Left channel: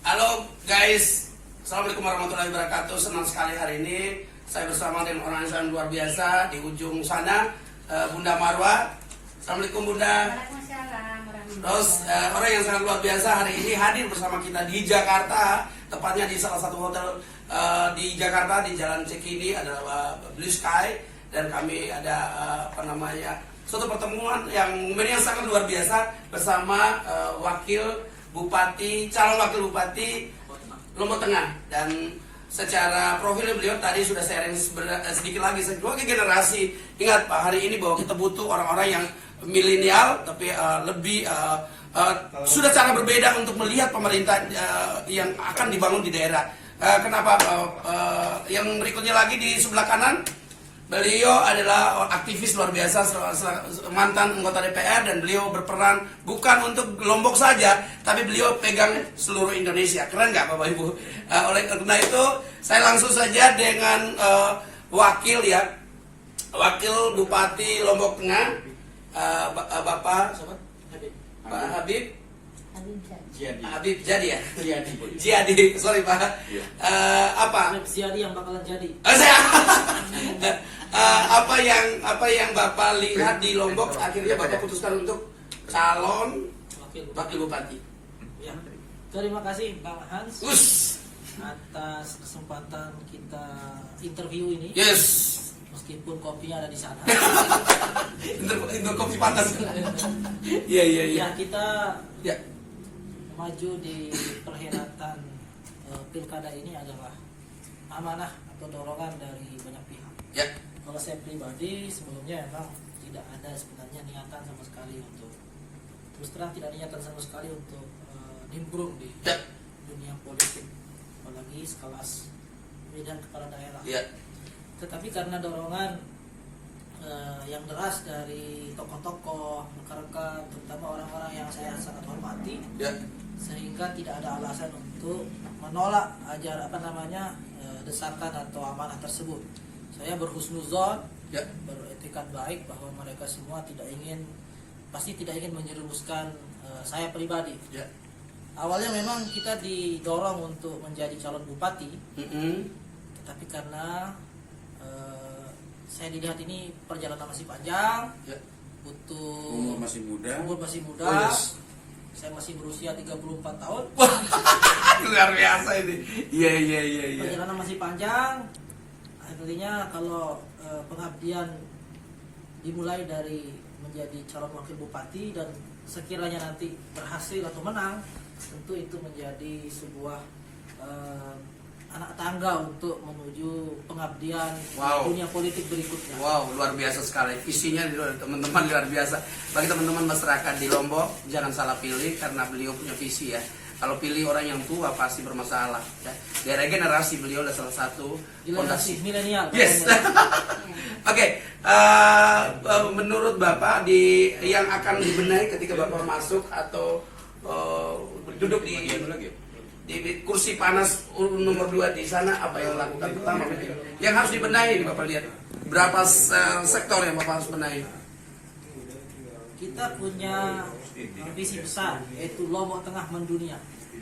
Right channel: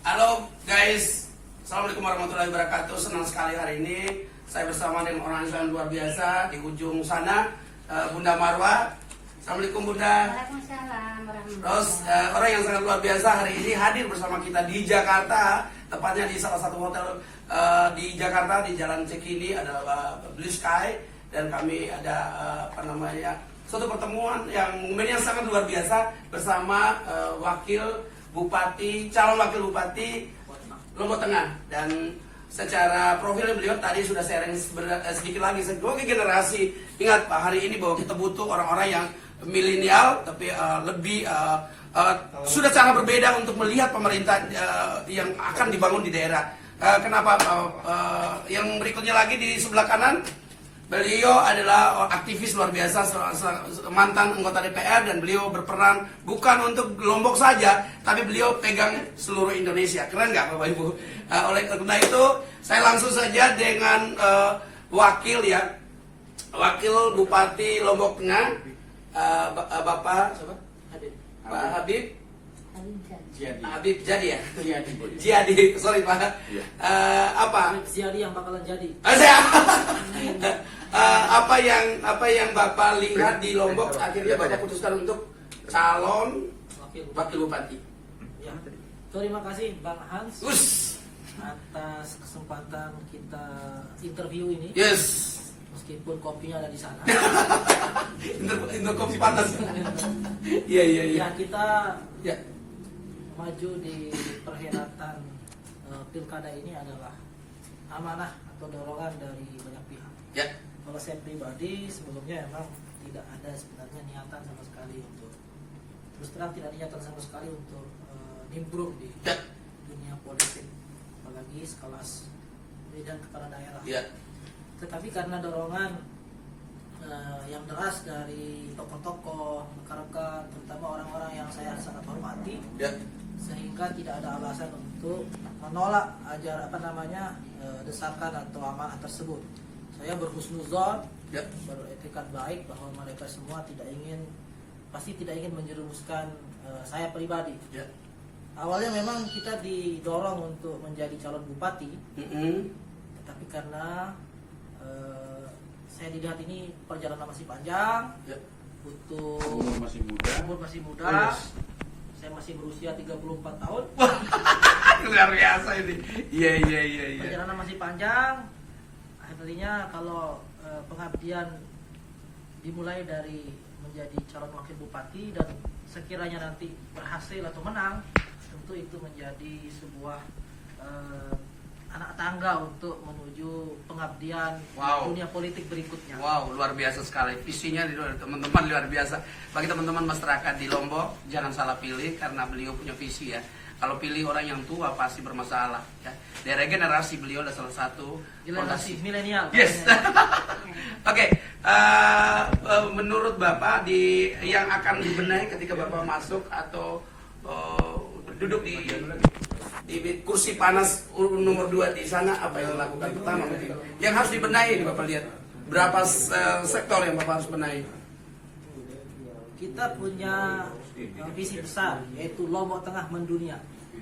Halo guys, Assalamualaikum warahmatullahi wabarakatuh. Senang sekali hari ini saya bersama dengan orang yang sangat luar biasa di ujung sana, Bunda Marwa. Assalamualaikum Bunda. Waalaikumsalam warahmatullahi Terus orang yang sangat luar biasa hari ini hadir bersama kita di Jakarta, tepatnya di salah satu hotel di Jakarta di Jalan Cikini, adalah Blue Sky, dan kami ada suatu pertemuan yang sangat luar biasa bersama calon wakil bupati Lombok Tengah. Dan secara profil beliau tadi sudah sharing sedikit lagi sebagai generasi. Ingat Pak, hari ini bahwa kita butuh orang-orang yang milenial tapi sudah sangat berbeda untuk melihat pemerintah yang akan dibangun di daerah. Kenapa? Yang berikutnya lagi di sebelah kanan, beliau adalah aktivis luar biasa, mantan anggota DPR, dan beliau berperan bukan untuk Lombok saja, tapi beliau pegang seluruh Indonesia. Keren nggak Bapak Ibu? Oleh karena itu, saya langsung saja dengan wakil Bupati Lombok Tengah, Bapak Habib jadi ya? Jadi, sorry Pak. Habib Ziadi yang bakalan jadi. Apa yang Bapak lihat di Lombok akhirnya Bapak putuskan untuk calon wakil bupati? Ya. Terima kasih Bang Hans atas kesempatan kita interview ini. Yes. Meskipun kopinya ada di sana. Untuk kopi panas. Iya. Ya, kita maju di perhelatan pilkada ini adalah amanah atau dorongan dari banyak pihak. Ya. Kalau saya pribadi sebelumnya memang tidak ada sebenarnya niatan sama sekali untuk, terus terang tidak niatan sama sekali untuk nimbrung di dunia politik, apalagi sekelas Medan kepala daerah. Ya. Tetapi karena dorongan yang deras dari tokoh-tokoh, rekan-rekan, terutama orang-orang yang saya sangat hormati, sehingga tidak ada alasan untuk menolak desakan atau amanah tersebut. Saya berhusnuzon, beretikat baik bahwa mereka semua pasti tidak ingin menjerumuskan saya pribadi. Awalnya memang kita didorong untuk menjadi calon bupati, tetapi karena saya dilihat ini perjalanan masih panjang, butuh umur masih muda. Saya masih berusia 34 tahun. Luar biasa ini. Iya. Perjalanan masih panjang. Akhirnya kalau pengabdian dimulai dari menjadi calon wakil bupati dan sekiranya nanti berhasil atau menang, tentu itu menjadi sebuah anak tangga untuk menuju pengabdian dunia politik berikutnya. Wow, luar biasa sekali. Visinya teman-teman luar biasa. Bagi teman-teman masyarakat di Lombok, jangan salah pilih karena beliau punya visi ya. Kalau pilih orang yang tua pasti bermasalah. Ya. Dari generasi beliau adalah salah satu generasi milenial. Yes. Oke, menurut Bapak yang akan dibenahi ketika Bapak masuk atau duduk di kursi panas nomor 2 di sana, apa yang dilakukan pertama? Yang harus dibenahi Bapak lihat berapa sektor yang Bapak harus benahi? Kita punya visi besar, yaitu Lombok Tengah mendunia.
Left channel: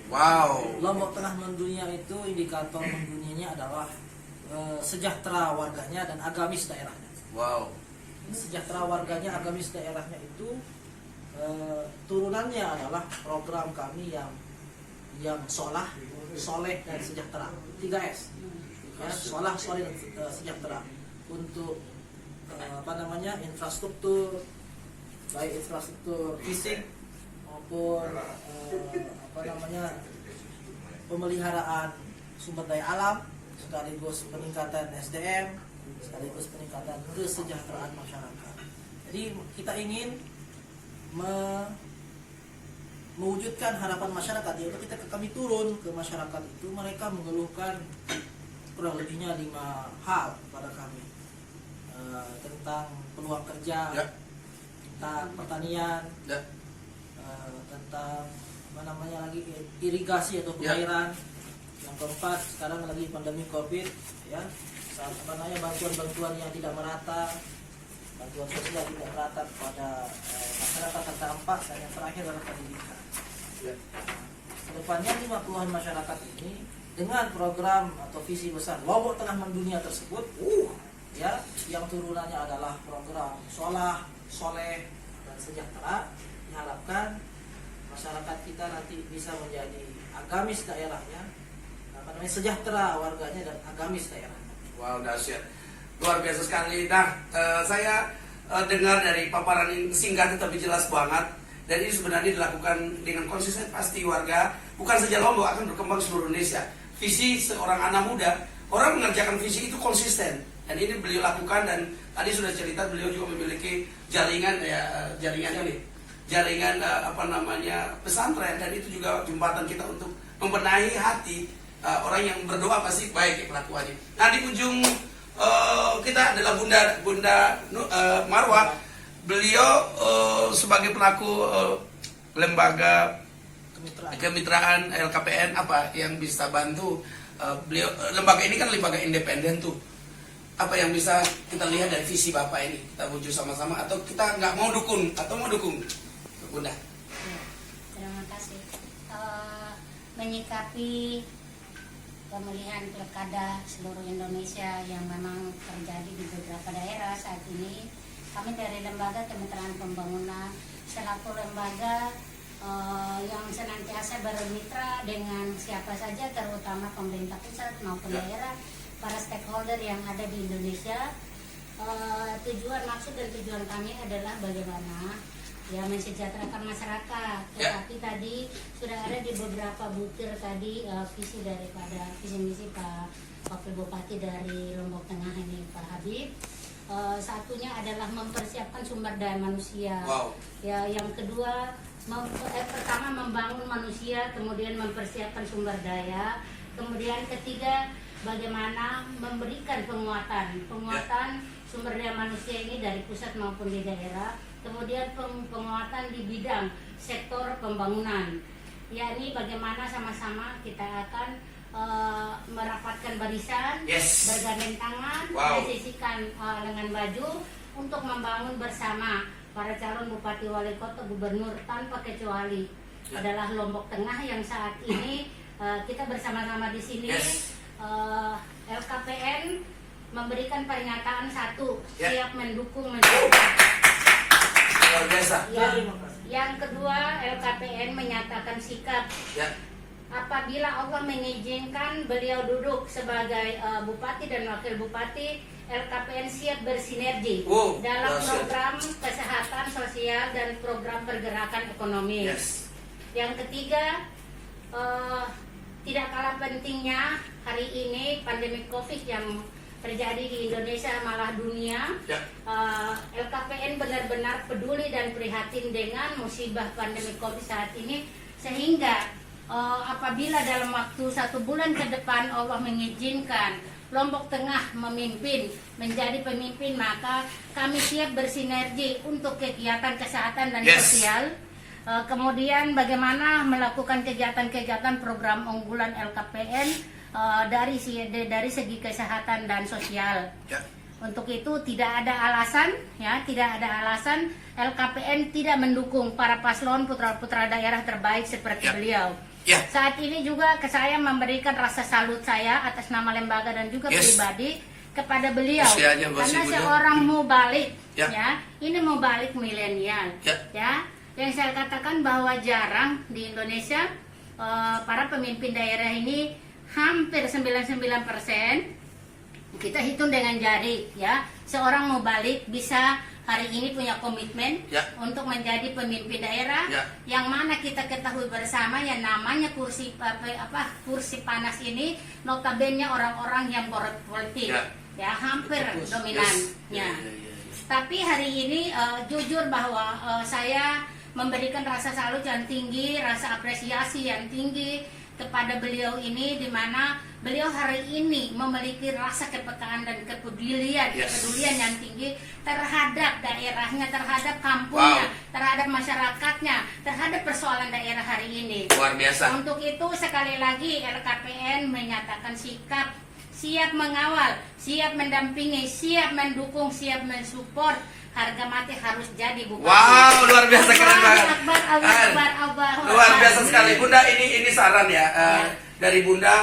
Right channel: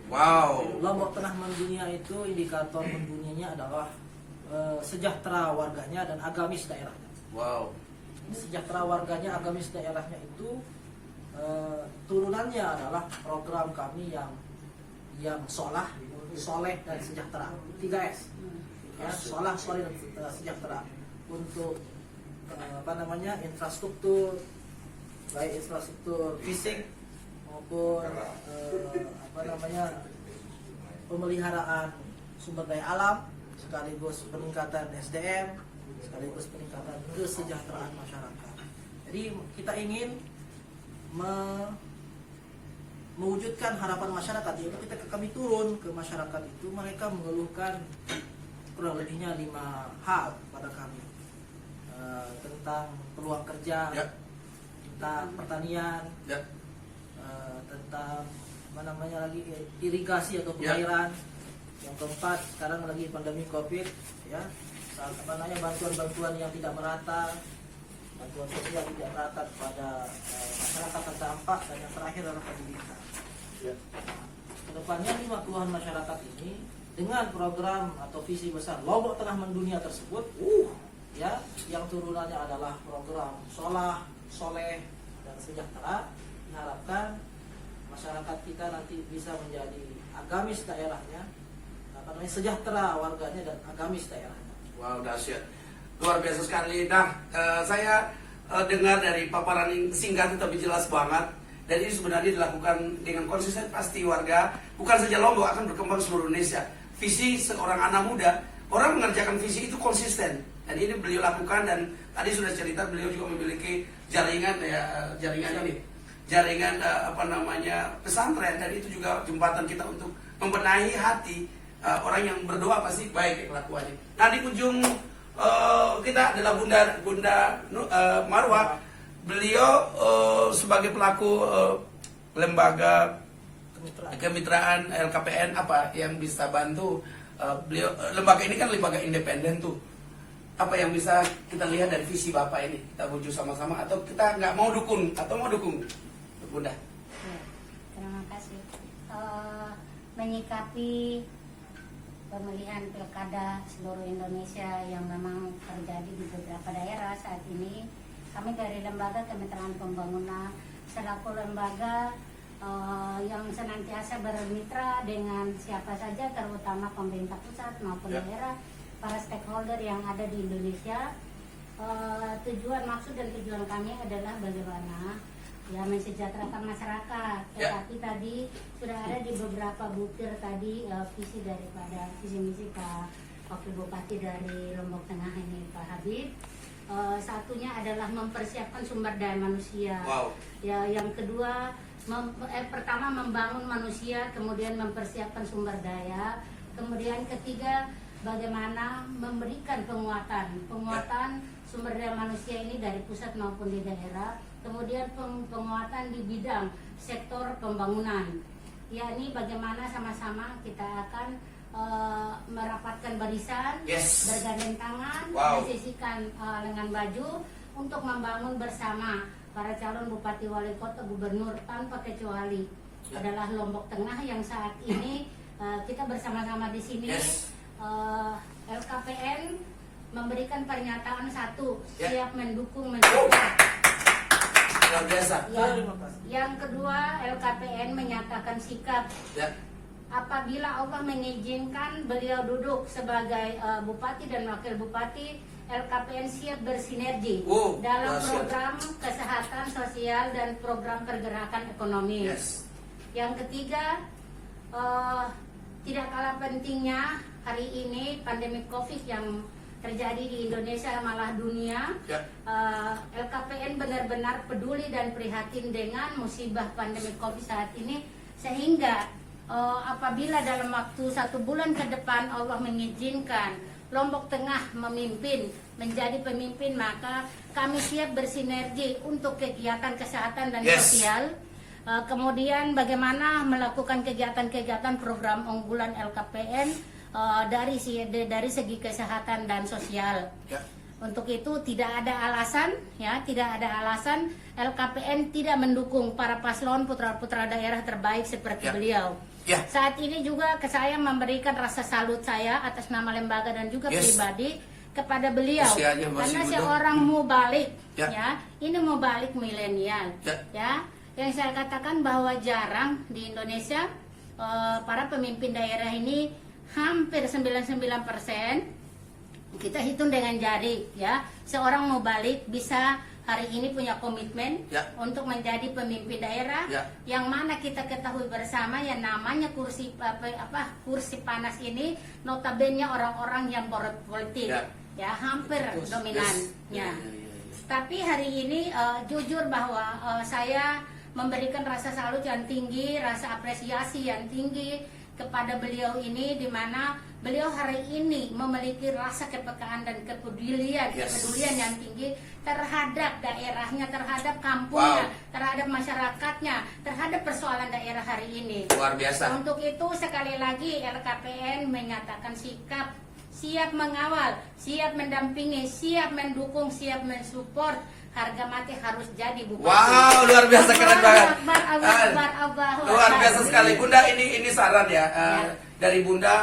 Wow. Lombok Tengah mendunia itu indikator mendunianya adalah sejahtera warganya dan agamis daerahnya. Wow. Sejahtera warganya, agamis daerahnya itu turunannya adalah program kami yang soleh dan sejahtera. 3S. Ya, soleh dan sejahtera. Untuk infrastruktur, baik infrastruktur fisik maupun pemeliharaan sumber daya alam, sekaligus peningkatan SDM, sekaligus peningkatan kesejahteraan masyarakat. Jadi kita ingin mewujudkan harapan masyarakat, yaitu kami turun ke masyarakat itu, mereka mengeluhkan kurang lebihnya 5 hal pada kami, tentang peluang kerja, tentang pertanian, tentang irigasi atau pengairan. Yang keempat, sekarang lagi pandemi COVID, ya, bantuan-bantuan yang tidak merata, bantuan sosial tidak merata kepada masyarakat terdampak, dan yang terakhir adalah pendidikan. kedepannya 5 keluhan masyarakat ini dengan program atau visi besar Lombok Tengah Mendunia tersebut, ya, yang turunannya adalah program Sholah, Soleh, dan Sejahtera, diharapkan masyarakat kita nanti bisa menjadi agamis daerahnya, sejahtera warganya dan agamis daerahnya. Wow, dahsyat, luar biasa sekali. Nah, saya dengar dari paparan yang singkat tapi jelas banget, dan ini sebenarnya dilakukan dengan konsisten. Pasti warga, bukan saja Lombok, akan berkembang seluruh Indonesia. Visi seorang anak muda, orang mengerjakan visi itu konsisten, dan ini beliau lakukan. Dan tadi sudah cerita beliau juga memiliki jaringan pesantren, dan itu juga jembatan kita untuk membenahi hati orang yang berdoa. Pasti baik kelakuannya. Nah, di ujung kita adalah Bunda Marwah. Beliau sebagai pelaku lembaga kemitraan LKPN, apa yang bisa bantu beliau? Lembaga ini kan lembaga independen tuh. Apa yang bisa kita lihat dari visi Bapak ini? Kita wujud sama-sama, atau kita nggak mau dukung, atau mau dukung, Bunda? Ya, terima kasih. Menyikapi pemilihan pilkada seluruh Indonesia yang memang terjadi di beberapa daerah saat ini, kami dari Lembaga Kemitraan Pembangunan selaku lembaga yang senantiasa bermitra dengan siapa saja, terutama pemerintah pusat maupun daerah, para stakeholder yang ada di Indonesia. Tujuan, maksud dan tujuan kami adalah bagaimana ya mensejahterakan masyarakat. Tetapi tadi sudah ada di beberapa butir tadi visi daripada visi misi Pak Wakil Bupati dari Lombok Tengah ini, Pak Habib. Satunya adalah mempersiapkan sumber daya manusia. Ya, yang kedua pertama membangun manusia, kemudian mempersiapkan sumber daya, kemudian ketiga bagaimana memberikan penguatan sumber daya manusia ini dari pusat maupun di daerah, kemudian penguatan di bidang sektor pembangunan, yakni bagaimana sama-sama kita akan merapatkan barisan, bergandeng tangan, mensisikan lengan baju untuk membangun bersama para calon bupati, wali kota, gubernur tanpa kecuali adalah Lombok Tengah yang saat ini kita bersama-sama di sini. LKPN memberikan pernyataan satu, siap mendukung mensupport. Luar biasa. Yang kedua, LKPN menyatakan sikap apabila Allah mengizinkan beliau duduk sebagai bupati dan wakil bupati, LKPN siap bersinergi dalam program kesehatan sosial dan program pergerakan ekonomi. Yang ketiga, tidak kalah pentingnya hari ini pandemi COVID yang terjadi di Indonesia malah dunia, LKPN benar-benar peduli dan prihatin dengan musibah pandemi COVID saat ini, sehingga apabila dalam waktu 1 bulan ke depan Allah mengizinkan Lombok Tengah menjadi pemimpin, maka kami siap bersinergi untuk kegiatan kesehatan dan sosial. Kemudian bagaimana melakukan kegiatan-kegiatan program unggulan LKPN dari segi kesehatan dan sosial. Untuk itu tidak ada alasan LKPN tidak mendukung para paslon putra-putra daerah terbaik seperti beliau. Saat ini juga saya memberikan rasa salut saya atas nama lembaga dan juga pribadi kepada beliau, karena seorang mubalik, ini mubalik milenial, yang saya katakan bahwa jarang di Indonesia para pemimpin daerah ini, hampir 99% kita hitung dengan jari, seorang mubalik bisa hari ini punya komitmen untuk menjadi pemimpin daerah, yang mana kita ketahui bersama yang namanya kursi panas ini notabene orang-orang yang politik, hampir dominannya. Tapi hari ini jujur bahwa saya memberikan rasa salut yang tinggi, rasa apresiasi yang tinggi kepada beliau ini, di mana beliau hari ini memiliki rasa kepekaan dan kepedulian yang tinggi terhadap daerahnya, terhadap kampungnya, terhadap masyarakatnya, terhadap persoalan daerah hari ini. Luar biasa. Untuk itu sekali lagi LKPN menyatakan sikap siap mengawal, siap mendampingi, siap mendukung, siap mensupport harga mati harus jadi bupati. Wow, luar biasa, keren banget. Akbar, Allah Akbar, Allah Luar Akbar. biasa sekali Bunda, ini saran ya, dari Bunda,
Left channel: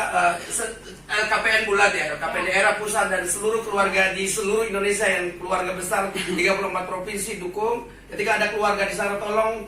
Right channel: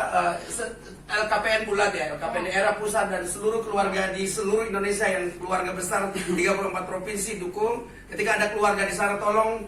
LKPN bulat ya, LKPN daerah pusat dan seluruh keluarga di seluruh Indonesia yang keluarga besar 34 provinsi dukung. Ketika ada keluarga di sana tolong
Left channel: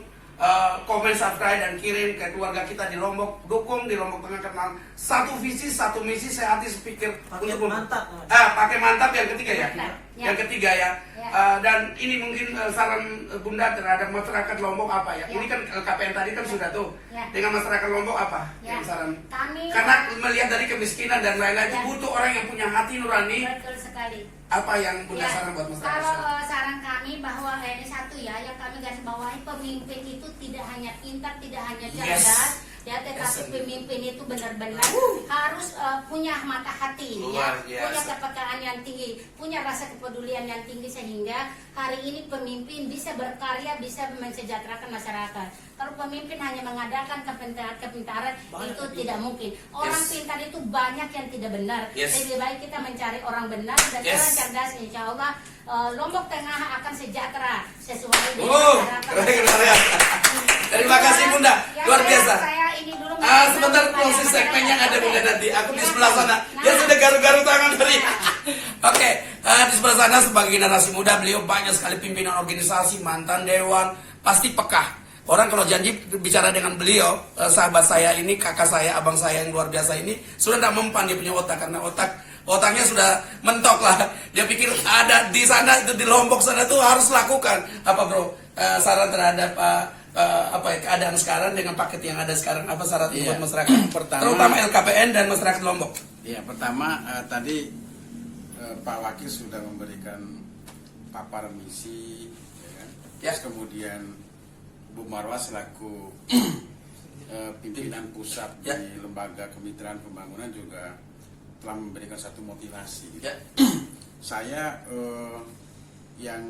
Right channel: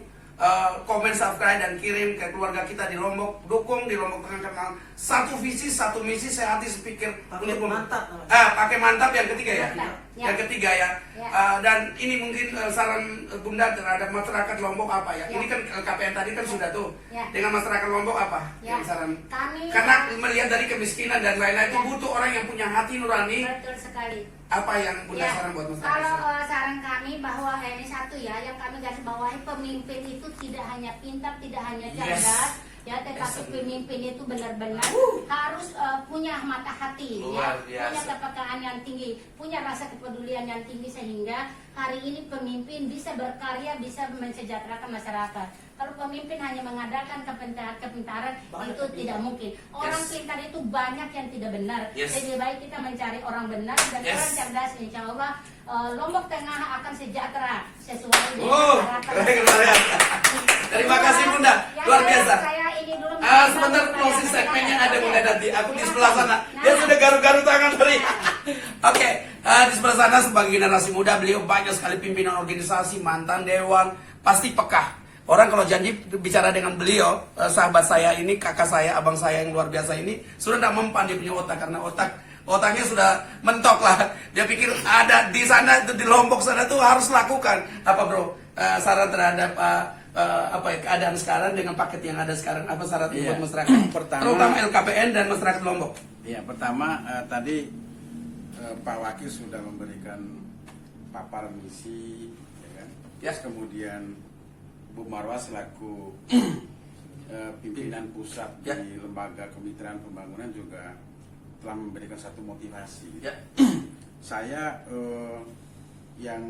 komen, subscribe dan kirim ke keluarga kita di Lombok, dukung di Lombok Tengah kenal satu visi, satu misi, sehati sepikir Pakai mantap, pakai mantap yang ketiga ya. Mantap, ya. Yang ketiga ya. Ya. Dan ini mungkin saran Bunda terhadap masyarakat Lombok apa ya? Ya. Ini kan LKPN tadi kan sudah tuh. Ya. Dengan masyarakat Lombok apa? Ya. Yang saran? Kami Karena melihat dari kemiskinan dan lain-lain itu Ya. butuh orang yang punya hati nurani. betul sekali. Apa yang Bunda Ya, saran buat masyarakat? kalau saran kami bahwa ini satu ya, yang kami garis bawahi, pemimpin itu tidak hanya pintar, tidak hanya Yes. cerdas, ya, tetapi Yes. pemimpin itu benar-benar harus punya mata hati, Luar ya, punya biasa. kepekaan yang tinggi, punya rasa kepedulian yang tinggi sehingga hari ini pemimpin bisa berkarya, bisa mensejahterakan masyarakat. Kalau pemimpin hanya mengadakan kepintaran Banyak itu yang tidak mungkin. Orang Yes. pintar itu banyak yang tidak benar. Yes. Lebih baik kita mencari orang benar dan Yes. orang cerdas, insya Allah Lombok Tengah akan sejahtera sesuai dengan harapan keren, masyarakat. Terima kasih Bunda, Ya, luar biasa. Saya ini dulu Sebentar closing segmennya ada Bunda nanti. Aku di sebelah sana. Dia sudah garu-garu tangan dari. Oke, di sebelah sana sebagai generasi muda beliau banyak sekali pimpinan organisasi, mantan dewan, pasti peka. Orang kalau janji bicara dengan beliau, sahabat saya ini, kakak saya, abang saya yang luar biasa ini sudah tidak mempan dia punya otak karena otaknya sudah mentok lah. Dia pikir ada di sana itu di Lombok sana tuh harus lakukan apa bro? Saran terhadap keadaan sekarang dengan paket yang ada sekarang apa saran Iya. untuk masyarakat Pertama- terutama LKPN dan masyarakat Lombok. Ya, pertama tadi Pak Wakil sudah memberikan papar misi, ya kan? Ya. Terus kemudian Bu Marwah selaku pimpinan pusat Ya. di Lembaga Kemitraan Pembangunan juga telah memberikan satu motivasi. Ya. Saya yang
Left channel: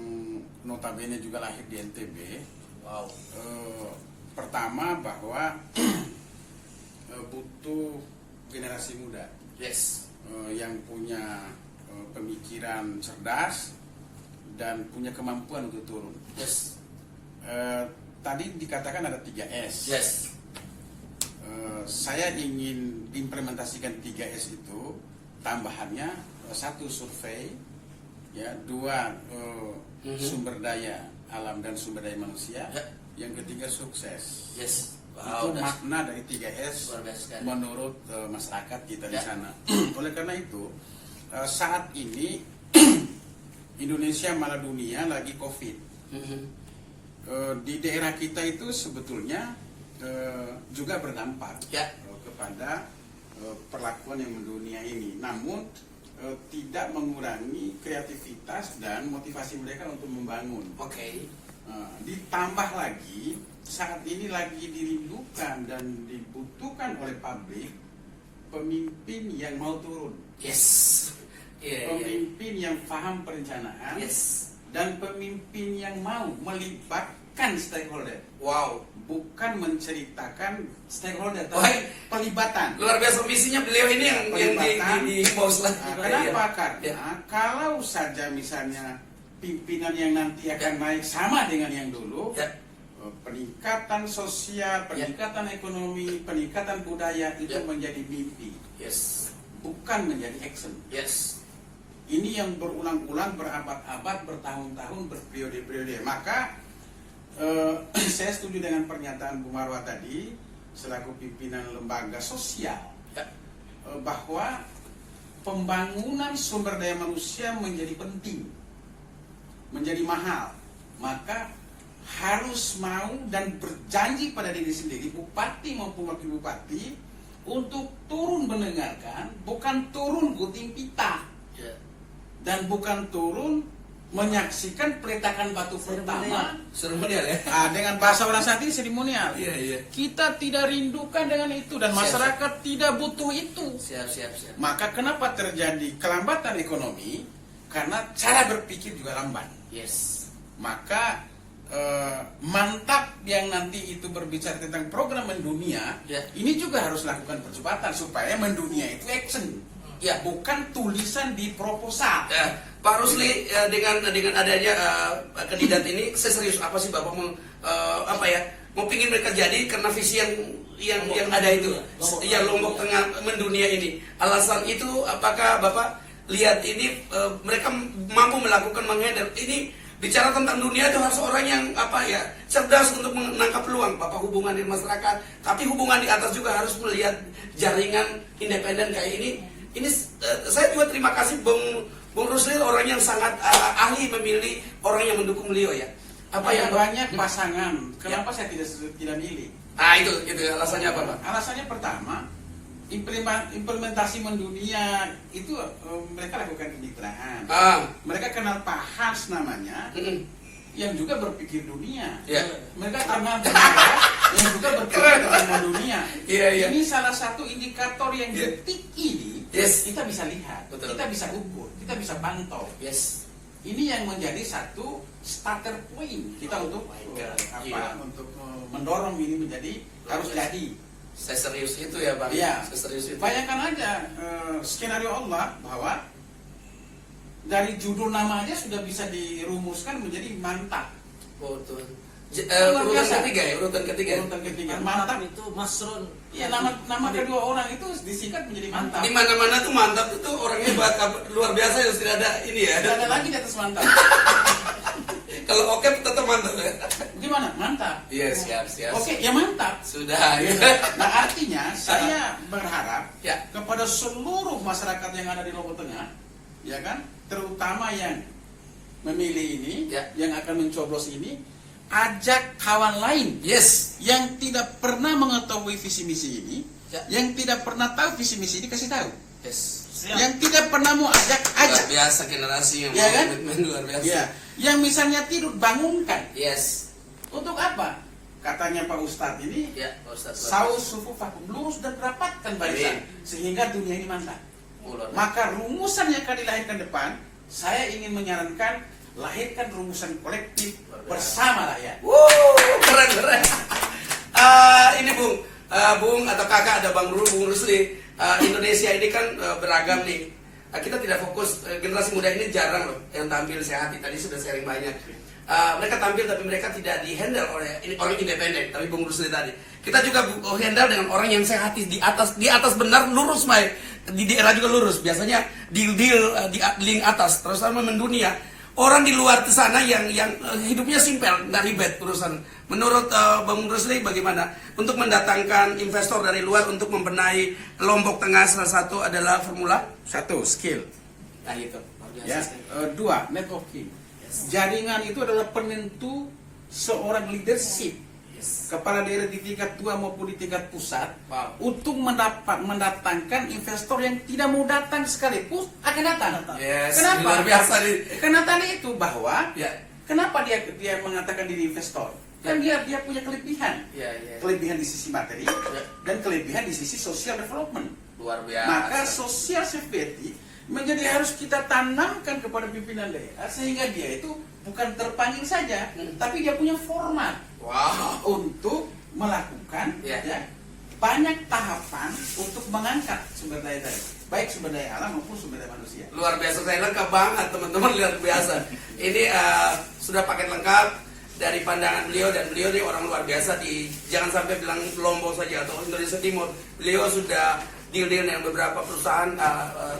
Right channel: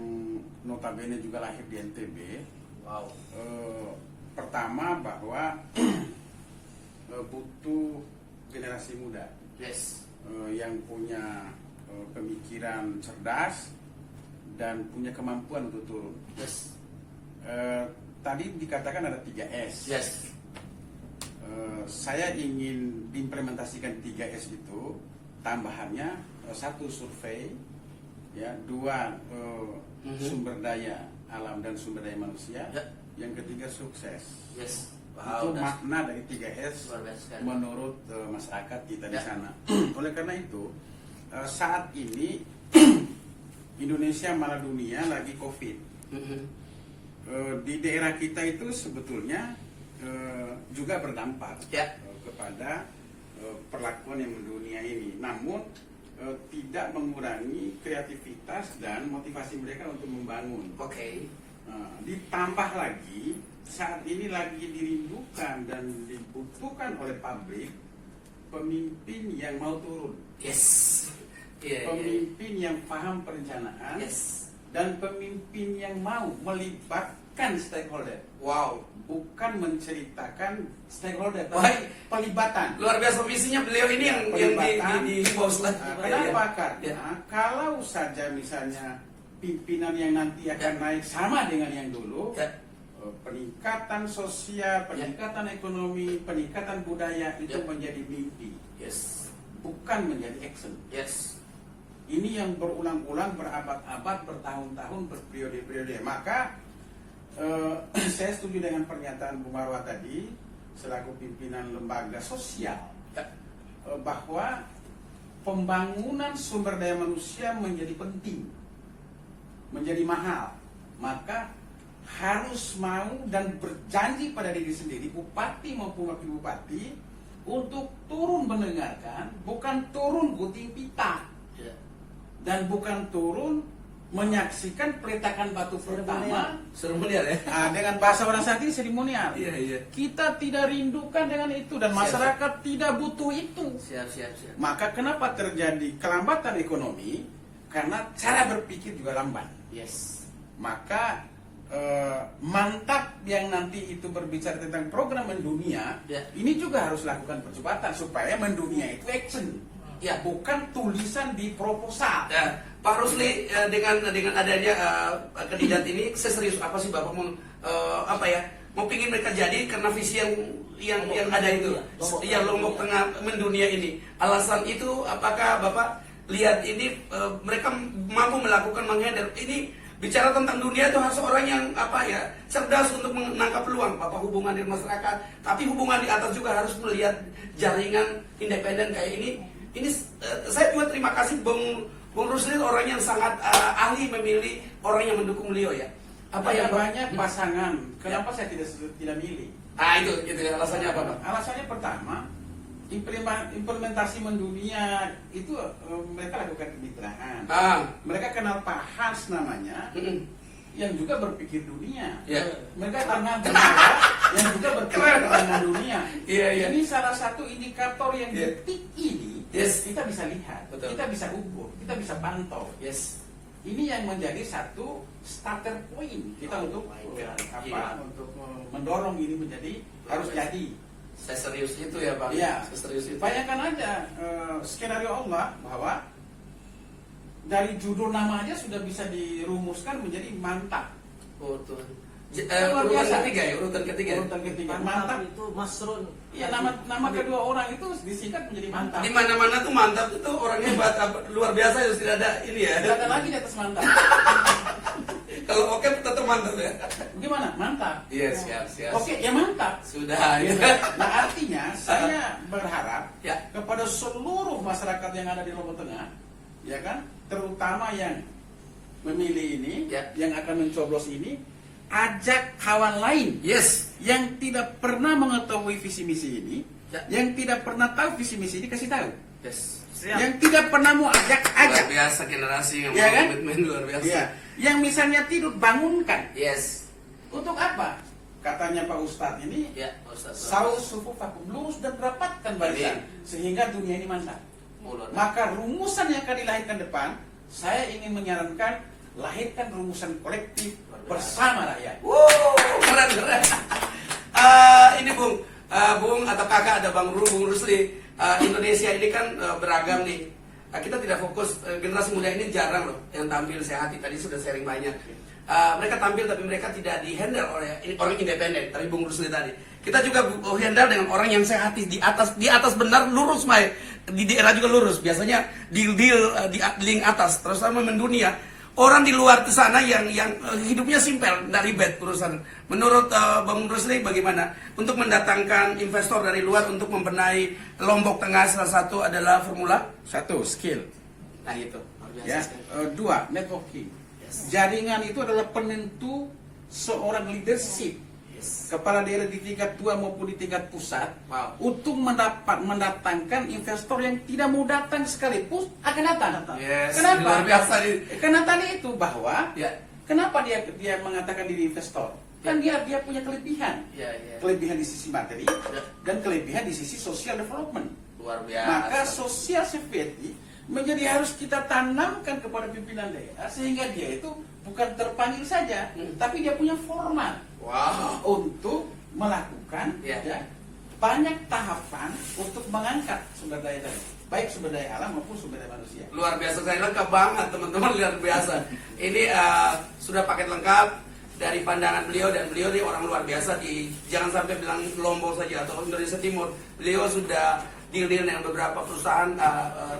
notabene juga lahir di NTB. Wow. Pertama bahwa butuh generasi muda Yes. yang punya pemikiran cerdas dan punya kemampuan untuk turun. Yes. Tadi dikatakan ada 3S. Yes. Saya ingin implementasikan 3S itu, tambahannya satu survei, ya, dua sumber daya alam dan sumber daya manusia, Ya. yang ketiga sukses. Yes. Itu makna dari 3S luar biasa sekali. menurut masyarakat kita di Ya. sana. Oleh karena itu saat ini Indonesia malah dunia lagi COVID. Di daerah kita itu sebetulnya juga berdampak Ya. kepada perlakuan yang mendunia ini. Namun tidak mengurangi kreativitas dan motivasi mereka untuk membangun. Oke. Ditambah lagi saat ini lagi dirindukan dan dibutuhkan oleh publik pemimpin yang mau turun, Yes. Iya. pemimpin yang paham perencanaan, Yes. dan pemimpin yang mau melibatkan stakeholder, Wow. bukan menceritakan stakeholder, Baik. tapi pelibatan. Luar biasa misinya beliau ini yang Pelibatan. di bos lah. Kenapa? Ya. Karena kalau saja misalnya pimpinan yang nanti akan naik sama dengan yang dulu, Ya. peningkatan sosial, peningkatan ekonomi, peningkatan budaya itu Ya. menjadi mimpi, Yes. bukan menjadi action. Yes. Ini yang berulang-ulang, berabad-abad, bertahun-tahun, berperiode-periode. Maka saya setuju dengan pernyataan Bu Marwah tadi selaku pimpinan lembaga sosial, Ya. bahwa pembangunan sumber daya manusia menjadi penting, menjadi mahal. Maka harus mau dan berjanji pada diri sendiri, bupati maupun wakil bupati, untuk turun mendengarkan, bukan turun gunting pita, Ya. dan bukan turun menyaksikan peletakan batu pertama. Seremonial ya. Dengan bahasa orang saat ini seremonial. Iya, iya. Kita tidak rindukan dengan itu dan Siap, masyarakat tidak butuh itu. Siap. Maka kenapa terjadi kelambatan ekonomi? Karena cara berpikir juga lambat. Yes. Maka mantap yang nanti itu berbicara tentang program mendunia, Ya. ini juga harus lakukan percepatan supaya mendunia itu action. Ya. bukan tulisan di proposal. Ya, Pak Rusli, dengan adanya kandidat ini, serius apa sih Bapak mau mau pingin mereka jadi karena visi yang ada itu, ya Lombok Tengah mendunia ini. Alasan itu apakah Bapak lihat ini mereka mampu melakukan menghandle ini? Bicara tentang dunia itu harus orang yang cerdas untuk menangkap peluang. Bapak hubungan dengan masyarakat, tapi hubungan di atas juga harus melihat jaringan independen kayak ini. Ini saya juga terima kasih Bung Rusli, orang yang sangat ahli memilih orang yang mendukung beliau ya. Apa yang banyak pasangan, kenapa saya tidak milih? Itu alasannya apa Pak? Alasannya pertama, implementasi mendunia itu mereka lakukan kemitraan. Mereka kenal Pak Hans namanya, yang juga berpikir dunia. Mereka kenal Bernara yang juga berpikir tentang dunia. Ini salah satu indikator yang detik ini kita bisa lihat, kita bisa ukur, kita bisa pantau. Ini yang menjadi satu starter point kita untuk untuk mendorong ini menjadi harus jadi. Saya serius itu ya Bang. Iya. Saya serius itu. Bayangkan aja skenario Allah bahwa dari judul nama aja sudah bisa dirumuskan menjadi mantap. Betul. Urutan ketiga. Mantap itu Masrun. Iya, nama kedua orang itu disingkat menjadi mantap. Di mana-mana tuh mantap itu orang hebat, luar biasa ya, tidak ada ini ya. Tidak ada lagi di atas mantap. Kalau oke tetap mantap ya. Gimana? Mantap. Iya, siap. Oke, ya mantap. Sudah. Ya. Nah, artinya saya berharap Ya. kepada seluruh masyarakat yang ada di Lombok Tengah, ya kan, terutama yang memilih ini, Ya. yang akan mencoblos ini, ajak kawan lain yang tidak pernah mengetahui visi misi ini, yang tidak pernah tahu visi misi ini, kasih tahu. Yang tidak pernah mau ajak. Luar biasa generasi yang Ya kan? komitmen luar biasa. Ya. Yang misalnya tidur, bangunkan. Untuk Untuk apa? Katanya Pak Ustadz ini, Pak Ustadz. saus sufu vakum, lurus dan rapatkan barisan sehingga dunia ini mantap. Maka rumusan yang akan dilahirkan depan, saya ingin menyarankan lahirkan rumusan kolektif bersama rakyat. Keren. Ini Bung atau kakak ada Bung Rusli. Indonesia ini kan beragam nih. Kita tidak fokus, generasi muda ini jarang loh yang tampil. Saya tadi sudah sharing banyak. Mereka tampil tapi mereka tidak dihandle oleh orang independen. Tapi Bung Rusli tadi, kita juga handle dengan orang yang sehat di atas benar lurus, Mai. Di daerah juga lurus. Biasanya di link atas, terus sama mendunia. Orang di luar di sana yang hidupnya simpel, nggak ribet urusan. Menurut Bang Rusli bagaimana untuk mendatangkan investor dari luar untuk membenahi Lombok Tengah? Salah satu adalah formula 1. Skill. Nah itu. Ya. 2. Networking. Jaringan itu adalah penentu seorang leadership. Kepala daerah di tingkat 2 maupun di tingkat pusat untuk mendatangkan investor yang tidak mau datang sekalipun akan datang. Kenapa? Luar biasa nih. Karena tadi itu bahwa kenapa dia mengatakan diri investor? Kan dia punya kelebihan. Kelebihan di sisi materi dan kelebihan di sisi social development. Luar biasa. Maka social security menjadi harus kita tanamkan kepada pimpinan daerah sehingga dia itu bukan terpanggil saja, tapi dia punya format untuk melakukan banyak tahapan untuk mengangkat sumber daya tadi, baik sumber daya alam maupun sumber daya manusia. Luar biasa, saya lengkap banget teman-teman, luar biasa. Ini sudah paket lengkap dari pandangan beliau, dan beliau ini orang luar biasa. Jangan sampai bilang Lombok saja atau Indonesia Timur. Beliau sudah deal dengan beberapa perusahaan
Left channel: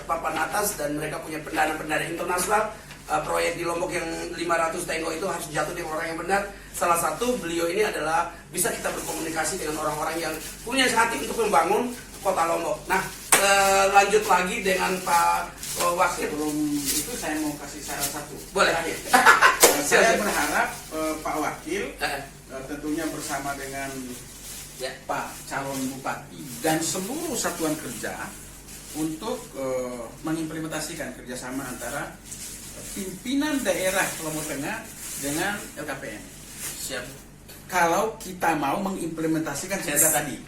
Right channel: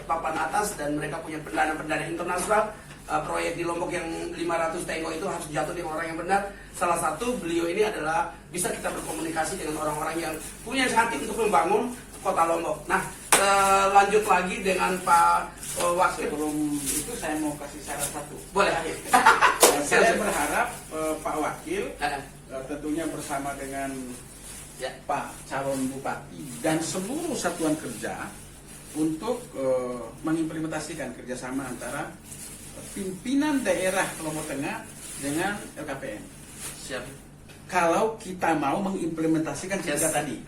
papan atas dan mereka punya pendana internasional. Proyek di Lombok yang 500 tenggo itu harus jatuh di orang yang benar. Salah satu beliau ini adalah bisa kita berkomunikasi dengan orang-orang yang punya hati untuk membangun kota Lombok. Nah, lanjut lagi dengan Pak Wakil. Sebelum itu saya mau kasih saran satu. Boleh. Saya berharap Pak Wakil tentunya bersama dengan Pak calon bupati dan seluruh satuan kerja untuk mengimplementasikan kerjasama antara pimpinan daerah Lombok Tengah dengan LKPN. Siap. Kalau kita mau mengimplementasikan cerita tadi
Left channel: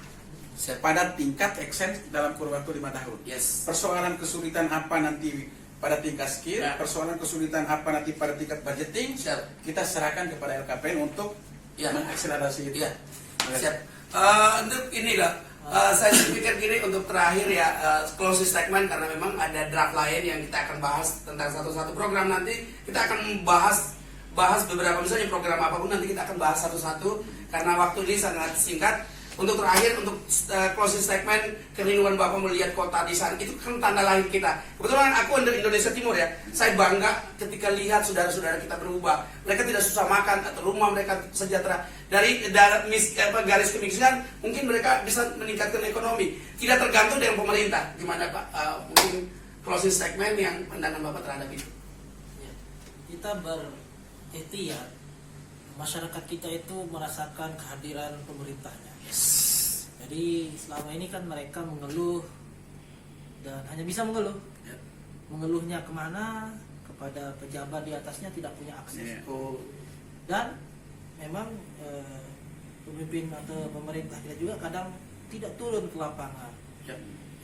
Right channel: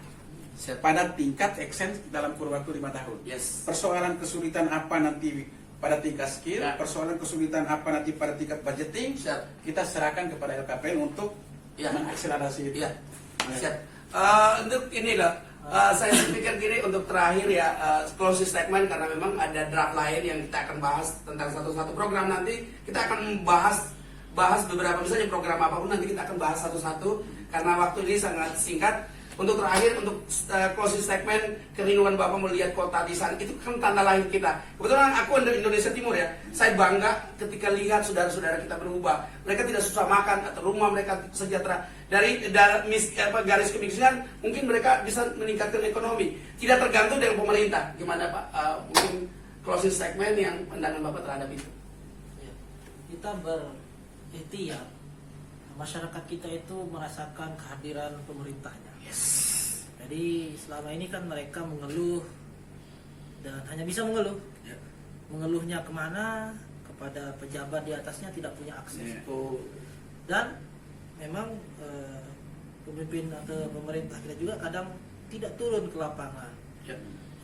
pada tingkat action dalam kurun waktu 5 tahun. Persoalan kesulitan apa nanti pada tingkat skill, persoalan kesulitan apa nanti pada tingkat budgeting, kita serahkan kepada LKPN untuk mengakselerasi itu. Siap. Untuk inilah Saya pikir gini untuk terakhir ya, closing statement, karena memang ada draft lain yang kita akan bahas tentang satu-satu program. Nanti kita akan bahas beberapa, misalnya program apapun nanti kita akan bahas satu-satu karena waktu ini sangat singkat. Untuk terakhir, untuk closing statement, kerinduan Bapak melihat kota di sana, itu kan tanda lahir kita. Kebetulan aku dari Indonesia Timur ya, saya bangga ketika lihat saudara-saudara kita berubah. Mereka tidak susah makan, atau rumah mereka sejahtera. Dari garis kemiskinan, mungkin mereka bisa meningkatkan ekonomi. Tidak tergantung dengan pemerintah. Gimana Pak? Mungkin closing statement yang pandangan Bapak terhadap itu. Ya, kita berikhtiar, masyarakat kita itu merasakan kehadiran pemerintahnya. Jadi selama ini kan mereka mengeluh dan hanya bisa mengeluh. Mengeluhnya kemana? Kepada pejabat di atasnya tidak punya akses. Dan memang pemimpin atau pemerintah kita juga kadang tidak turun ke lapangan.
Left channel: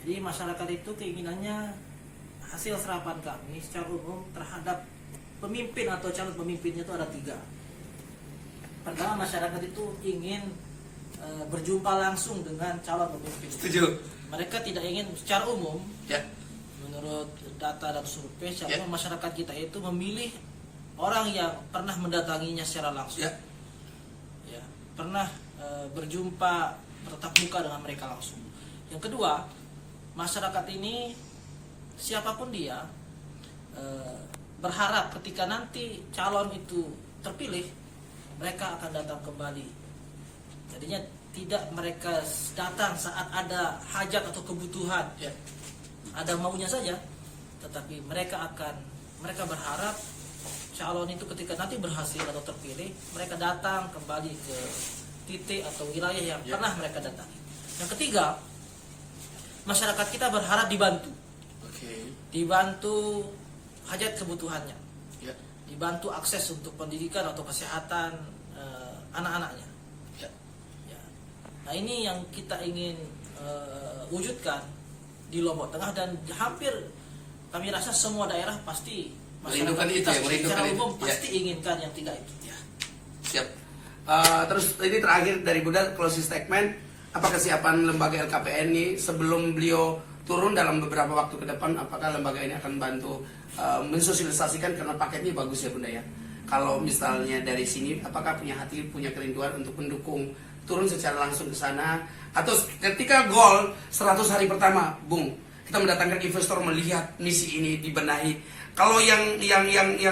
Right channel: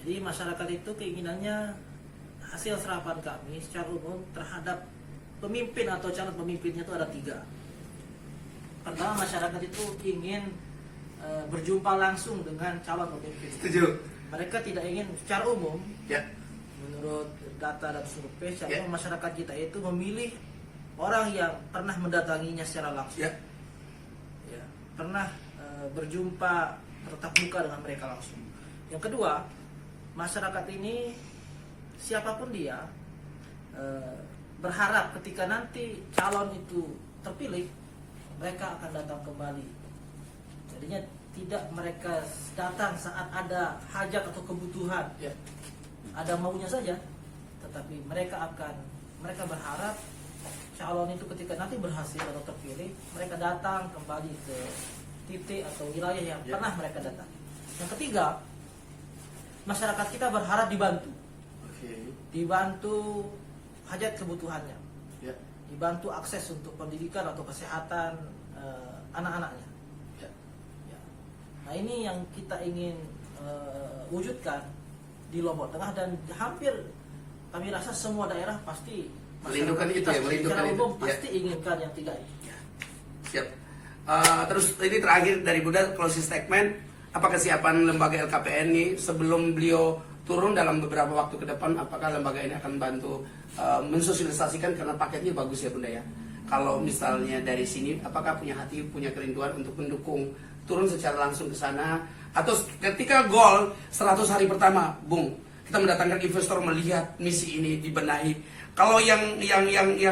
Jadi masyarakat itu keinginannya hasil serapan kami secara umum terhadap pemimpin atau calon pemimpinnya itu ada 3. Pertama, masyarakat itu ingin berjumpa langsung dengan calon pemimpin. Setuju. Mereka tidak ingin secara umum. Ya. Menurut data dan survei, secara umum masyarakat kita itu memilih orang yang pernah mendatanginya secara langsung. Ya, pernah berjumpa bertatap muka dengan mereka langsung. Yang kedua, masyarakat ini siapapun dia berharap ketika nanti calon itu terpilih, mereka akan datang kembali. Jadinya tidak mereka datang saat ada hajat atau kebutuhan, ada maunya saja, tetapi mereka berharap calon itu ketika nanti berhasil atau terpilih, mereka datang kembali ke titik atau wilayah yang pernah mereka datangi. Yang ketiga, masyarakat kita berharap dibantu, dibantu hajat kebutuhannya, dibantu akses untuk pendidikan atau kesehatan anak-anaknya. Nah, ini yang kita ingin wujudkan di Lombok Tengah, dan hampir kami rasa semua daerah pasti Merindukan itu ya, merindukan secara itu. umum pasti inginkan yang 3 itu. Siap. Terus ini terakhir dari Bunda, closing statement, apa kesiapan lembaga LKPN ini sebelum beliau turun dalam beberapa waktu ke depan, apakah lembaga ini akan bantu mensosialisasikan, karena paketnya bagus ya Bunda ya. Kalau misalnya dari sini, apakah punya hati, punya kerinduan untuk mendukung turun secara langsung ke sana, atau ketika goal 100 hari pertama, Bung, kita mendatangkan investor melihat misi ini dibenahi. Kalau yang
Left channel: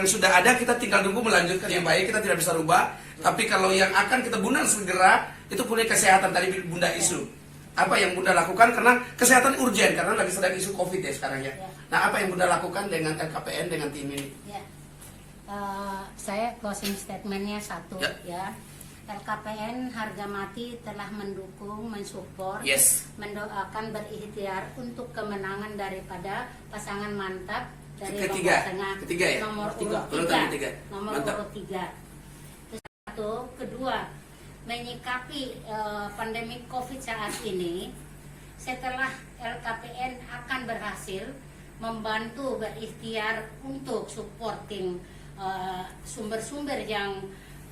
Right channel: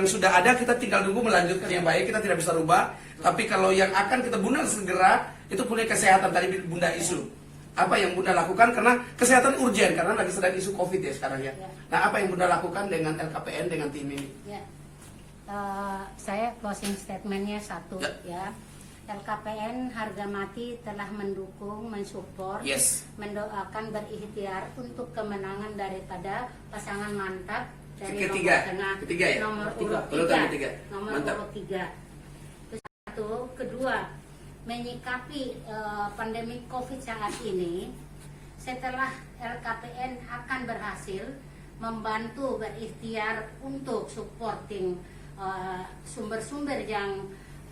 sudah ada kita tinggal tunggu melanjutkan yang baik, kita tidak bisa rubah. Tapi kalau yang akan kita Bunda segera itu punya kesehatan, tadi Bunda isu. Apa yang Bunda lakukan, karena kesehatan urgen, karena lagi sedang isu Covid ya sekarang ya. Nah, apa yang Bunda lakukan dengan LKPN, dengan tim ini? Saya closing statementnya 1 ya. LKPN harga mati telah mendukung, mensupport, mendoakan, berikhtiar untuk kemenangan daripada pasangan mantap dari Lombok Tengah, nomor urut 3. Terus 1, kedua, menyikapi pandemi Covid saat ini, setelah LKPN akan berhasil membantu, berikhtiar untuk supporting sumber-sumber yang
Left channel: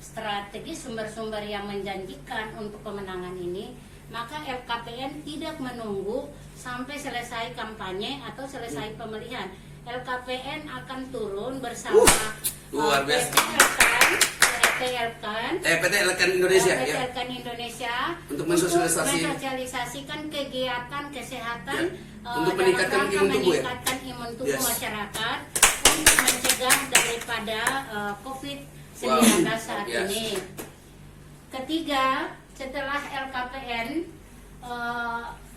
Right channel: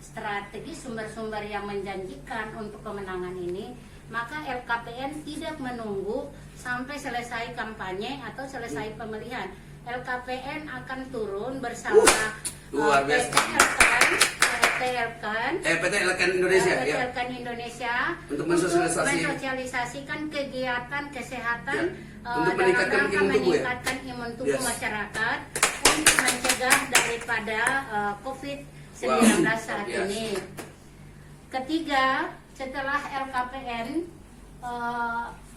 strategis, sumber-sumber yang menjanjikan untuk kemenangan ini, maka LKPN tidak menunggu sampai selesai kampanye atau selesai pemilihan. LKPN akan turun bersama PT Elkan Indonesia untuk mensosialisasikan kegiatan kesehatan untuk meningkatkan imun tubuh masyarakat, untuk mencegah daripada COVID-19 saat ini. Ketiga, setelah LKPN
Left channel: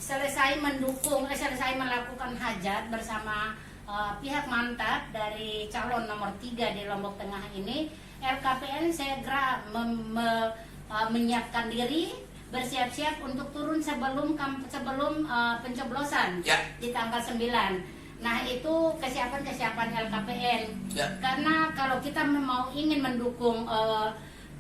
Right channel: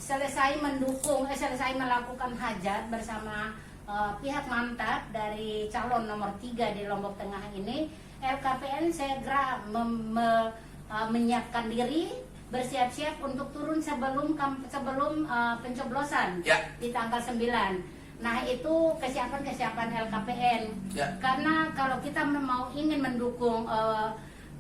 selesai melakukan hajat bersama pihak mantap dari calon nomor 3 di Lombok Tengah ini, LKPN segera menyiapkan diri, bersiap-siap untuk turun sebelum pencoblosan di tanggal 9. Nah, itu kesiapan LKPN. Karena kalau kita ingin mendukung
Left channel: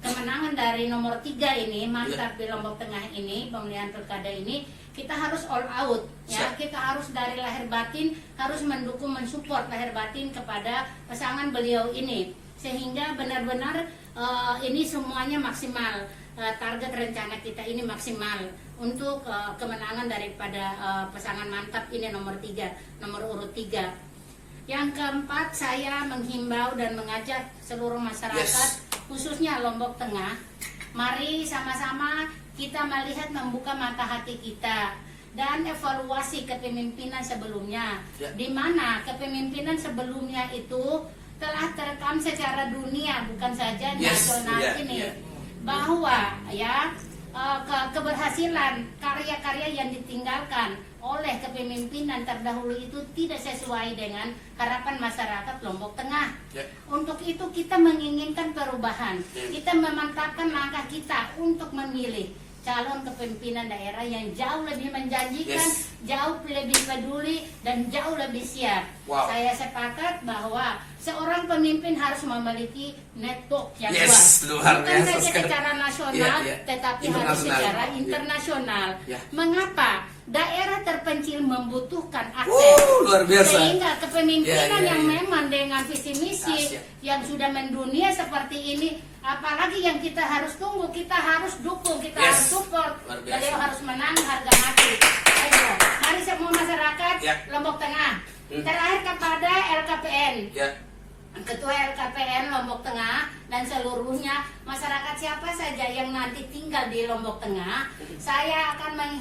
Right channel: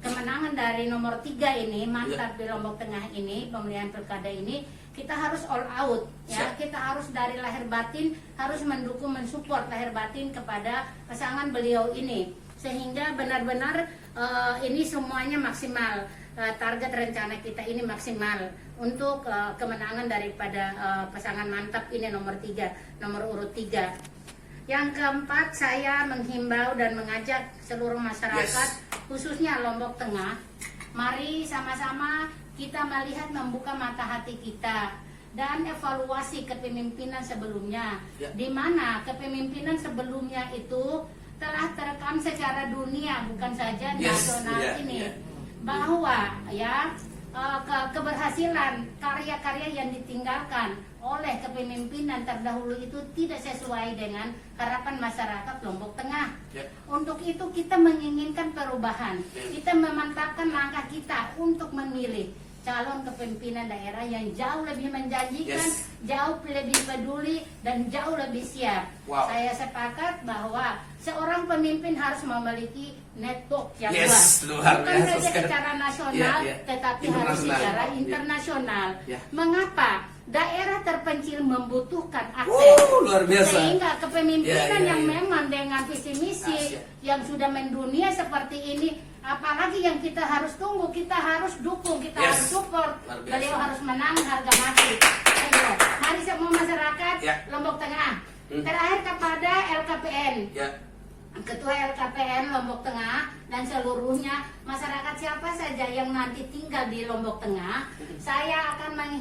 kemenangan dari nomor 3 ini, mantap di Lombok Tengah ini, pemilihan pilkada ini, kita harus all out ya. Kita harus dari lahir batin harus mendukung, mensupport lahir batin kepada pasangan beliau ini, sehingga benar-benar ini semuanya maksimal. Target rencana kita ini maksimal untuk kemenangan daripada pasangan mantap ini nomor urut 3. Yang keempat, saya menghimbau dan mengajak seluruh masyarakat, khususnya Lombok Tengah, mari sama-sama kita melihat, membuka mata hati kita dan evaluasi kepemimpinan sebelumnya, di mana kepemimpinan sebelumnya itu telah terekam secara dunia, bukan saja nasional ini, bahwa ya keberhasilan karya-karya yang ditinggalkan oleh kepemimpinan terdahulu itu tidak sesuai dengan harapan masyarakat Lombok Tengah. Untuk itu kita menginginkan perubahan, kita memantapkan langkah kita untuk memilih calon kepemimpinan daerah yang jauh lebih menjanjikan, jauh lebih peduli, dan jauh lebih siap. Saya sepakat bahwa seorang pemimpin harus memiliki network yang luas, bukan saja secara nasional, tetapi harus secara internasional. Mengapa? Daerah terpencil membutuhkan akses, luar biasa. Sehingga kepemimpinan yang memang dengan visi misi yang sudah mendunia seperti ini, apalagi yang kita harus tunggu, kita harus dukung, kita harus support. Beliau harus menang harga mati. Ayo, mari semua masyarakat Lombok Tengah. Terakhir kepada LKPN, Ketua LKPN Lombok Tengah dan seluruhnya masyarakat siapa saja yang nanti tinggal di Lombok Tengah, saya akan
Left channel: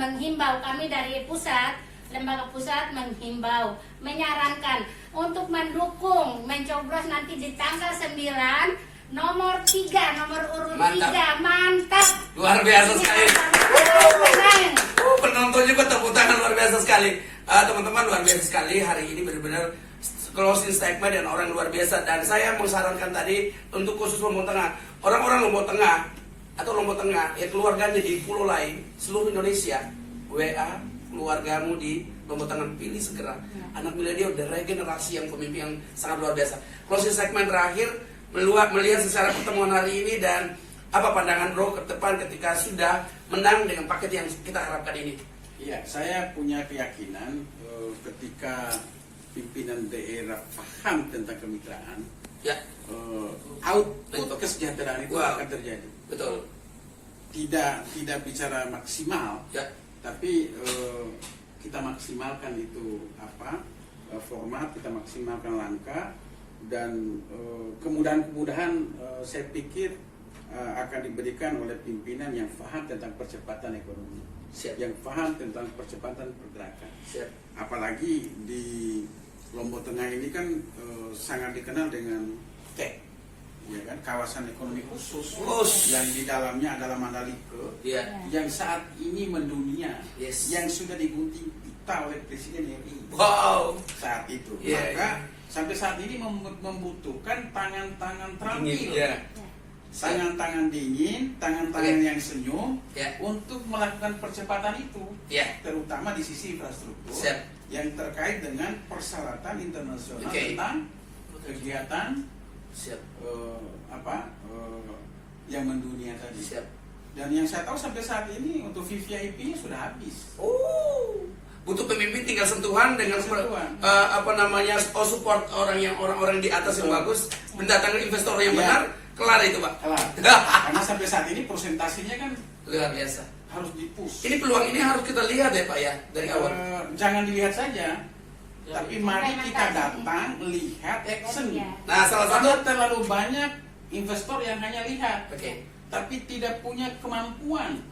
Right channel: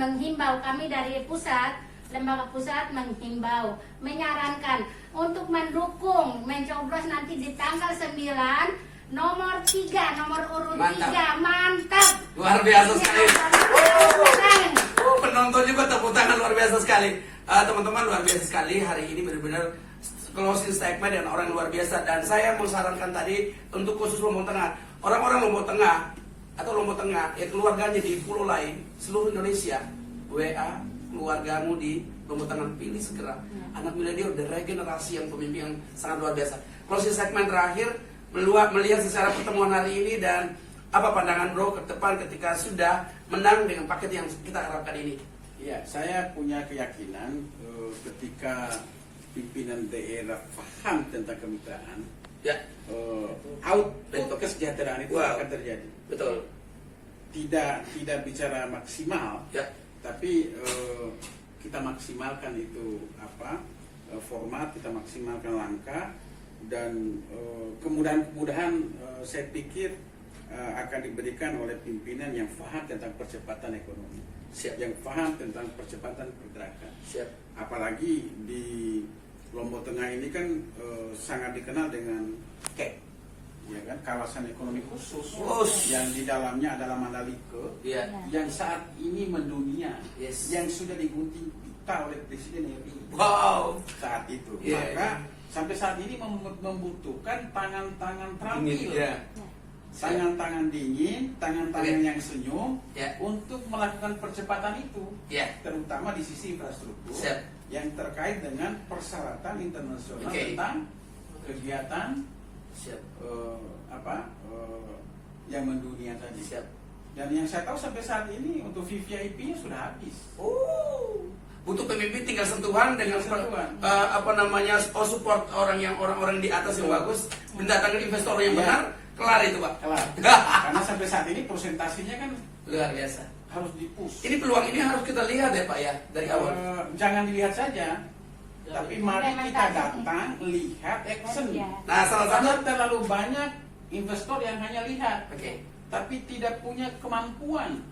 menghimbau, kami dari pusat, lembaga pusat menghimbau, menyarankan untuk mendukung, mencoblos nanti di tanggal 9 nomor 3, nomor urut 3. Mantap. Luar biasa sekali. Penonton juga tepuk tangan, luar biasa sekali. Teman-teman, luar biasa sekali. Hari ini benar-benar closing statement dan orang luar biasa. Dan saya mengsarankan tadi untuk khusus Lombok Tengah, orang-orang Lombok Tengah atau Lombok Tengah ya keluarganya di pulau lain seluruh Indonesia, WA keluargamu di Lombok Tengah, pilih segera anak milenial dan regenerasi yang pemimpin yang sangat luar biasa. Closing segmen terakhir, melihat secara pertemuan hari ini dan apa pandangan bro ke depan ketika sudah menang dengan paket yang kita harapkan ini? Iya, saya punya keyakinan ketika pimpinan daerah paham tentang kemitraan, output kesejahteraan itu akan terjadi. Betul. Tidak bicara maksimal, tapi kita maksimalkan itu format, kita maksimalkan langkah, dan kemudahan-kemudahan saya pikir akan diberikan oleh pimpinan yang paham tentang percepatan ekonomi, yang paham tentang percepatan pergerakan. Apalagi di Lombok Tengah ini kan sangat dikenal dengan KEK, ya kan, kawasan ekonomi khusus yang di dalamnya adalah Mandalika, yang saat ini mendunia, yang sudah digunting pita oleh Presiden RI saat itu. Maka sampai saat ini membutuhkan tangan-tangan terampil, tangan-tangan dingin, tangan-tangan yang senyum untuk melakukan percepatan itu, terutama di sisi infrastruktur yang terkait dengan persyaratan internasional tentang kegiatan yang mendunia tadi. Dan yang saya tahu sampai saat ini untuk VVIP-nya sudah habis. Butuh pemimpin tinggal sentuhan dengan support orang-orang di atas yang bagus, mendatangkan investor yang benar, kelar itu Pak. Kelar. Karena sampai saat ini presentasinya kan luar biasa. Harus dipush. Ini peluang ini harus kita lihat ya Pak ya dari awal. Jangan dilihat saja, tapi mari kita datang, lihat, action. Nah, salah satu terlalu banyak investor yang hanya lihat, tapi tidak punya kemampuan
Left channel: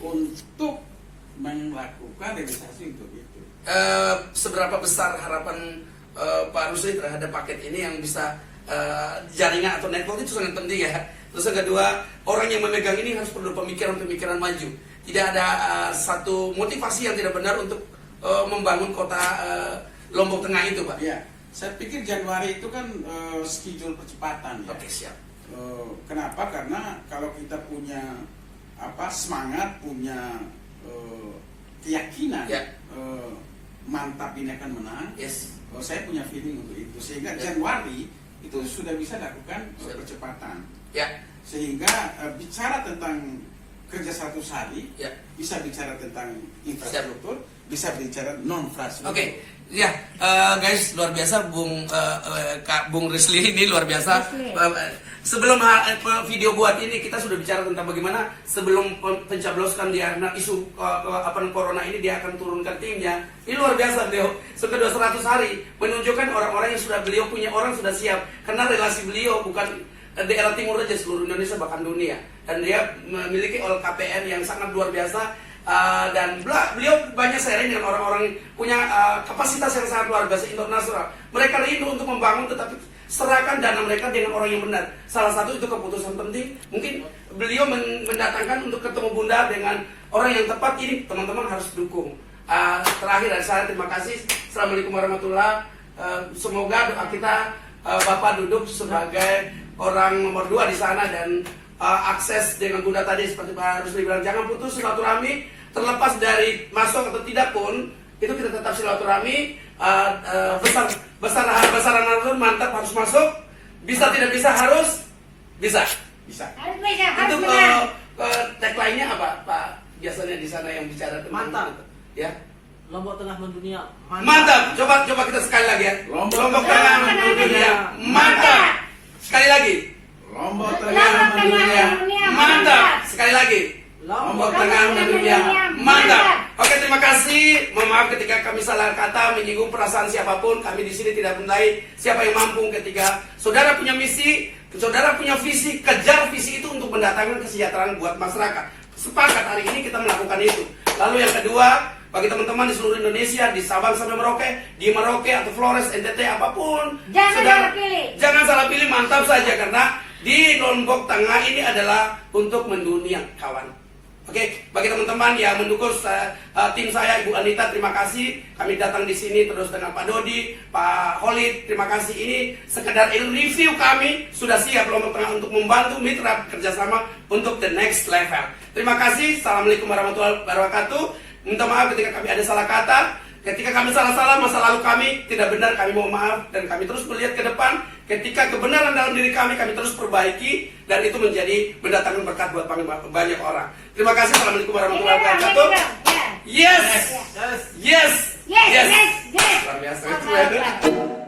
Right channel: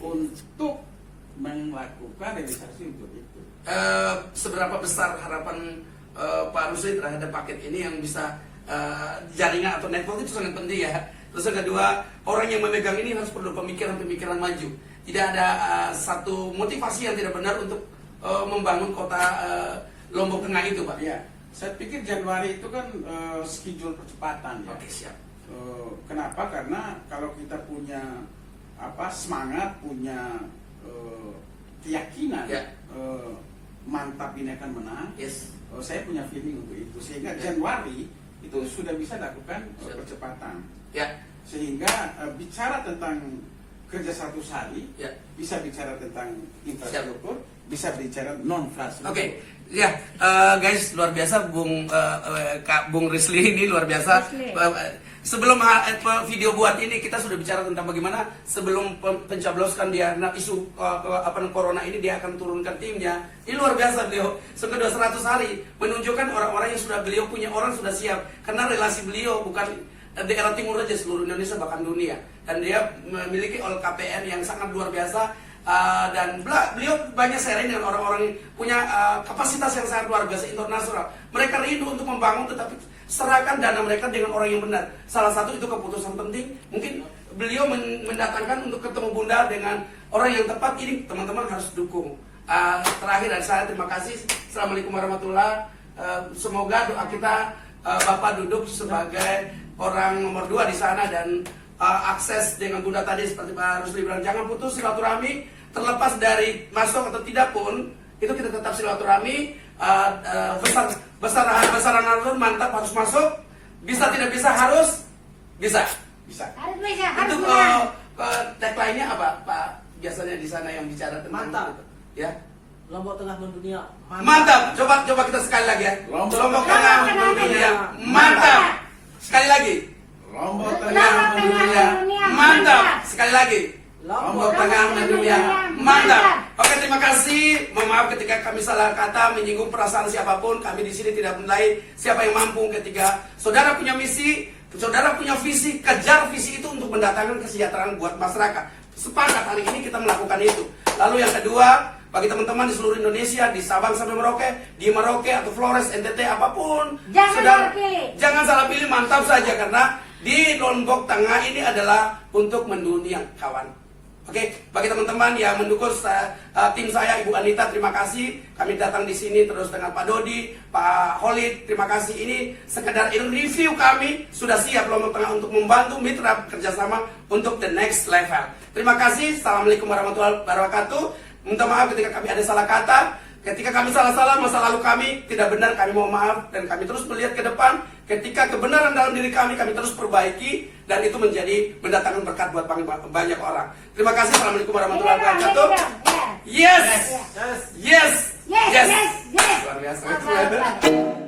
untuk melakukan realisasi untuk itu. Seberapa besar harapan Pak Rusli terhadap paket ini yang bisa jaringan atau network itu sangat penting ya. Terus yang kedua, orang yang memegang ini harus perlu pemikiran-pemikiran maju. Tidak ada satu motivasi yang tidak benar untuk membangun kota Lombok Tengah itu, Pak. Ya, saya pikir Januari itu kan schedule percepatan ya. Oke, siap. Kenapa? Karena kalau kita punya semangat, punya keyakinan mantap ini akan menang. Saya punya feeling untuk itu. Sehingga Januari itu sudah bisa lakukan percepatan. Sehingga bicara tentang kerja 100 hari, bisa bicara tentang infrastruktur, bisa bicara non-infrastruktur. Guys, luar biasa Bung Risli ini luar biasa. sebelum video buat ini kita sudah bicara tentang bagaimana sebelum pencabloskan dia isu corona ini dia akan turunkan timnya. Ini luar biasa beliau sampai 200 hari menunjukkan orang-orang yang sudah beliau punya orang sudah siap karena relasi beliau bukan daerah timur saja, seluruh Indonesia bahkan dunia, dan dia memiliki LKPN yang sangat luar biasa. Dan beliau banyak sharing dengan orang-orang yang punya kapasitas yang sangat luar biasa internasional. Mereka rindu untuk membangun, tetapi serahkan dana mereka dengan orang yang benar. Salah satu itu keputusan penting. Mungkin beliau mendatangkan untuk ketemu Bunda dengan orang yang tepat. Ini teman-teman harus dukung. Terakhir dari saya, terima kasih. Assalamualaikum warahmatullahi wabarakatuh. Semoga doa kita Bapak duduk sebagai orang nomor 2 di sana dan akses dengan Bunda tadi seperti Pak Rusli bilang, jangan putus silaturahmi. Terlepas dari masuk atau tidak pun, itu kita tetap silaturahmi. Besaran Nahdlatul mantap, harus masuk. Bisa tidak bisa, harus bisa. Harus bisa, harus Itu menang. tagline-nya apa Pak? Biasanya di sana yang bicara tentang Mantap. itu. Ya. Lombok Tengah mendunia. Mantap. Coba kita sekali lagi ya. Lombok Tengah mendunia. Mantap. Sekali lagi. Lombok Lombok Tengah Tengah mendunia. mendunia. Mantap. Sekali lagi. Lombok Tengah mendunia. Mantap. Oke, terima kasih. Mohon maaf ketika kami salah kata menyinggung perasaan siapapun. Kami di sini tidak menilai siapa yang mampu. Ketika saudara punya misi, saudara punya visi, kejar visi itu untuk mendatangkan kesejahteraan buat masyarakat. Sepakat hari ini kita melakukan itu. Lalu yang kedua, bagi teman-teman di seluruh Indonesia, di Sabang sampai Merauke, di Merauke atau Flores, NTT apapun, Jangan salah pilih. Jangan salah pilih, mantap saja karena di Lombok Tengah ini adalah untuk mendunia, kawan. Oke, bagi teman-teman yang mendukung tim saya, Ibu Anita, terima kasih. Kami datang di sini terus dengan Pak Dodi, Pak Holid, terima kasih. Ini sekedar review kami, sudah siap Lombok Tengah untuk membantu mitra kerjasama untuk the next level. Terima kasih. Assalamualaikum warahmatullahi wabarakatuh. Minta maaf ketika kami ada salah kata. Ketika kami salah-salah, masa lalu kami tidak benar, kami mohon maaf. Dan kami terus melihat ke depan. Ketika kebenaran dalam diri kami terus perbaiki. Dan itu menjadi mendatangkan berkat buat banyak orang. Terima kasih. Assalamualaikum warahmatullahi wabarakatuh. Yes! Yes. Yes! Yes, yes, yes. Luar biasa. Apa-apa.